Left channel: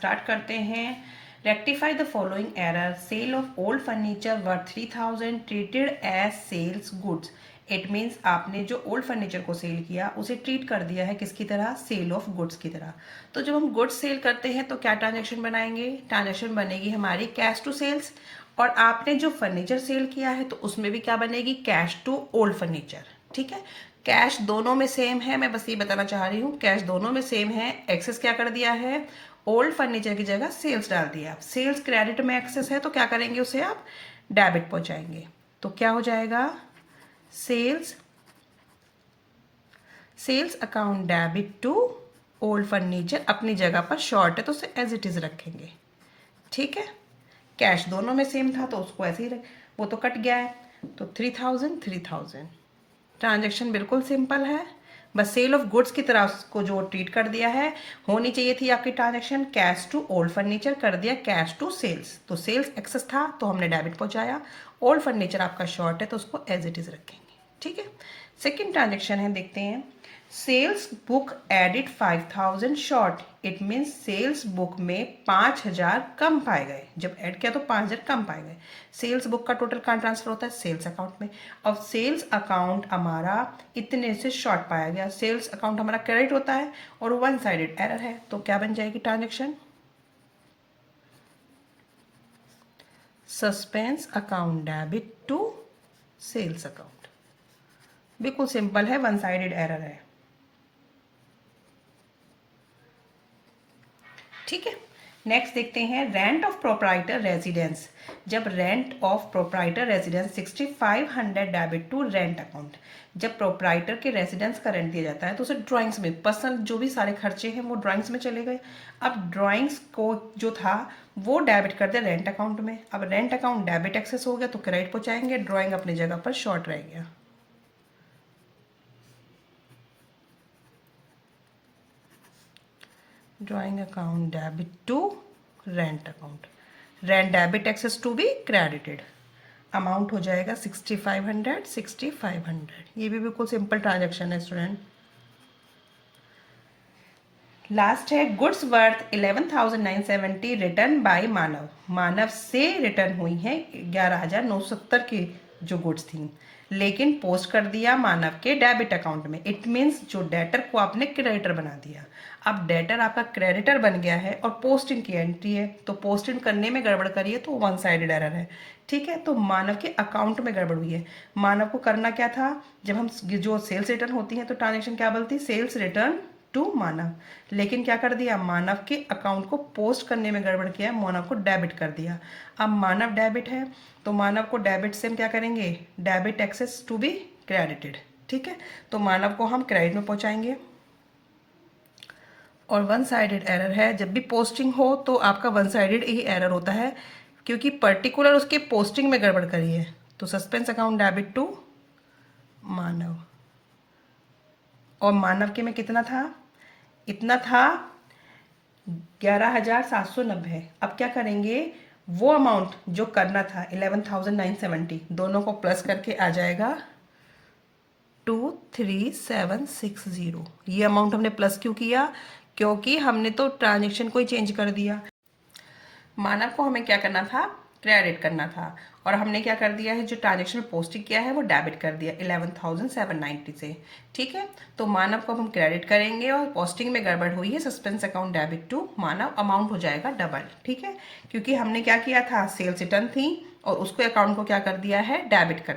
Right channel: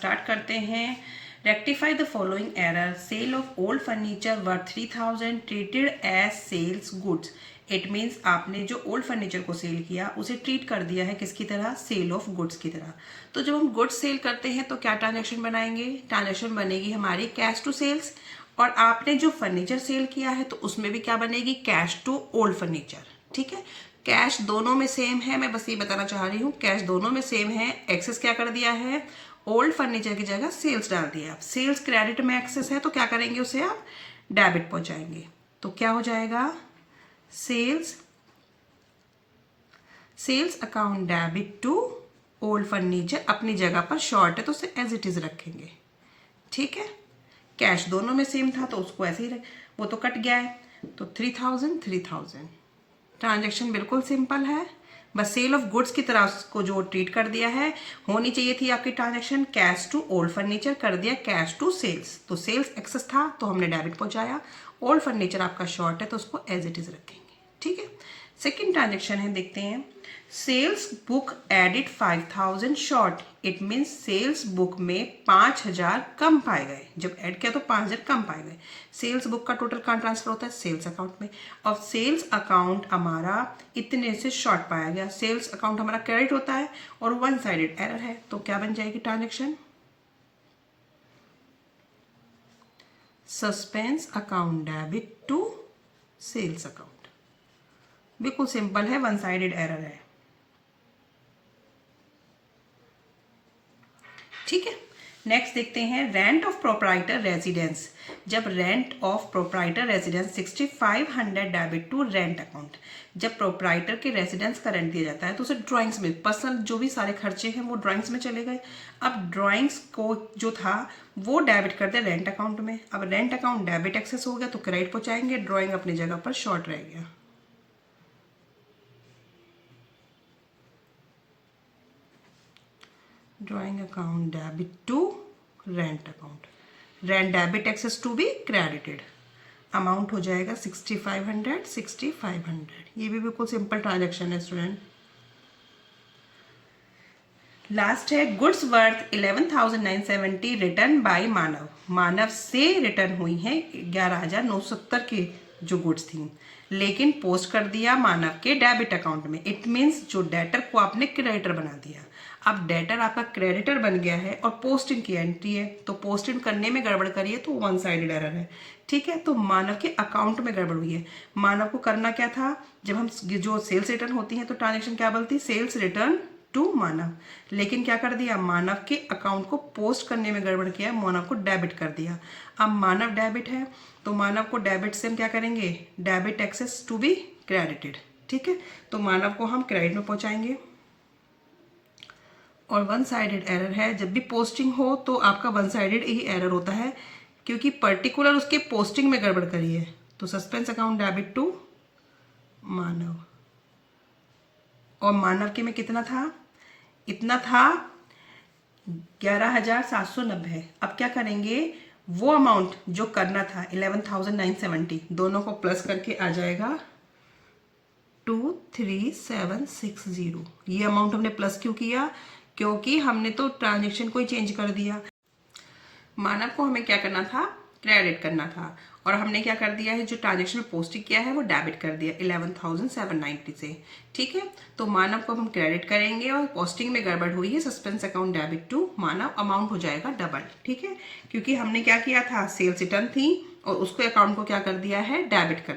Start करते हैं। Rectify the following error, sale of old furniture worth 3000 treated as sales goods. It means आपने जो old furniture को cell किया उसे ट्रीट कर दिया है किसकी तरह, सेल ऑफ गुड्स की तरह। तो जब हम गुड्स सेल करते हैं तो क्या ट्रांजेक्शन बनाएंगे, ट्रांजेक्शन बनेगी हमारी कैश टू सेल्स। और आपने जो फर्नीचर सेल किया है तो उसमें भी क्या बनेगी, कैश टू ओल्ड फर्नीचर। ठीक है, कैश दोनों में सेम है, मैं बस ये बताना चाह रही हूँ, कैश दोनों में सेम है। एक्सेस क्या कर दिया है, ओल्ड फर्नीचर की जगह सेल्स डाल दिया। सेल्स क्रेडिट में एक्सेस है तो क्या करेंगे, उसे आप डेबिट पहुंचाएंगे। तो क्या हो जाएगा, sales account debit to old furniture. अपनी जगह पर शॉर्ट है तो उसे एज इट इज रखेंगे। ठीक है, कैश दोनों में सेम था तो उसको ऐसे ही वो तो कट गया है, तो 3000 ट्रांजेक्शन बिल्कुल सिंपल है। बस सेल ऑफ गुड्स की तरह उसको जो ट्रीट कर दिया है, होनी चाहिए थी आपकी transaction cash to old furniture, कर दिया कैश टू सेल्स। तो सेल्स एक्सेस था तो हमने डेबिट पहुंचाया, ओल्ड फर्नीचर आपका शॉर्ट है तो उसको एज इट इज रखेंगे। ठीक है, सेकेंड ट्रांजेक्शन है, देखते हैं। Sales book added 5000 short. It means sales book में 5000 कम पाए गए। जब ऐड किया तो 5000 कम पाए गए। सेल्स बुक का टोटल कहाँ ट्रांसफर होता है, सेल्स अकाउंट में। और सेल्स अकाउंट हमारा इतने से शॉर्ट पाया गया। सेल्स अकाउंट हमारा क्रेडिट होता है और वन साइडेड एरर है, तो क्या बन जाएगी transaction, suspense account debit to sales account. बिल्कुल सिंपल है, वन साइडेड एरर है। ठीक है, नेक्स्ट देखते हैं रेंट ऑफ प्रोप्राइटर रेजिडेंस। जब rent of proprietor residence 6500 debit to rent account. जब प्रोप्राइटर के रेजिडेंस का रेंट दिया जाता है तो उसे ड्राइंग्स में, पर्सनल जो भी सारे खर्चे हैं वो ड्राइंग्स में चले गए। अब ड्राइंग्स को जो था वो डेबिट कर दिया रेंट अकाउंट में। अब रेंट अकाउंट डेबिट एक्सेस हो गया तो क्रेडिट पहुंचाएंगे, ड्राइंग अपनी जगह पर शॉर्ट रह गया। Drawing account debit to rent account, rent debit excess to be credited. Amount हो जाएगा 6500। ये भी बिल्कुल सिंपल ट्रांजेक्शन है स्टूडेंट। लास्ट है goods worth 11,970 return by Manav. Manav से रिटर्न हुई है 11,970 की जो गुड्स थी, लेकिन पोस्ट कर दिया मानव के डेबिट अकाउंट में। इट मीन्स जो डेटर को आपने क्रेडिटर बना दिया। अब डेटर आपका क्रेडिटर बन गया है और पोस्टिंग की एंट्री है, तो पोस्टिंग करने में गड़बड़ करिए तो वन साइडेड एरर है। ठीक है, तो मानव के अकाउंट में गड़बड़ हुई है। मानव को करना क्या था, जब हम जो सेल्स रिटर्न होती है तो ट्रांजेक्शन क्या बोलती है, सेल्स रिटर्न टू मानव। लेकिन क्या कर दिया, मानव के अकाउंट को पोस्ट करने में गड़बड़ किया, मानव को डेबिट कर दिया। अब मानव डेबिट है तो मानव को डेबिट से हम क्या करेंगे, debit excess to be credited. ठीक है, तो मानव को हम क्रेडिट में पहुंचाएंगे। और वन साइडेड एरर है, जब भी पोस्टिंग हो तो आपका वन साइडेड ही एरर होता है, क्योंकि पर्टिकुलर उसके पोस्टिंग में गड़बड़ करी है। तो सस्पेंस अकाउंट डेबिट टू मानव, और मानव के में कितना था, इतना था 11,790। अब क्या करेंगे, वो अमाउंट जो करना था 11,970 दोनों को प्लस करके आ जाएगा 23760। ये अमाउंट हमने प्लस क्यों किया, क्योंकि हमने तो ट्रांजेक्शन को ही चेंज कर दिया। मानव को हमें क्या करना था, क्रेडिट करना था, और हमने क्या कर दिया है, जो ट्रांजेक्शन पोस्टिंग किया है वो डेबिट कर दिया 11,790 से। ठीक है, तो मानव को हम क्रेडिट करेंगे और पोस्टिंग में गड़बड़ हुई है, suspense account debit to Manav, amount हो जाएगा डबल। ठीक है, क्योंकि हमने क्या किया था, सेल्स रिटर्न थी और उसको अकाउंट को क्या कर दिया है, डेबिट कर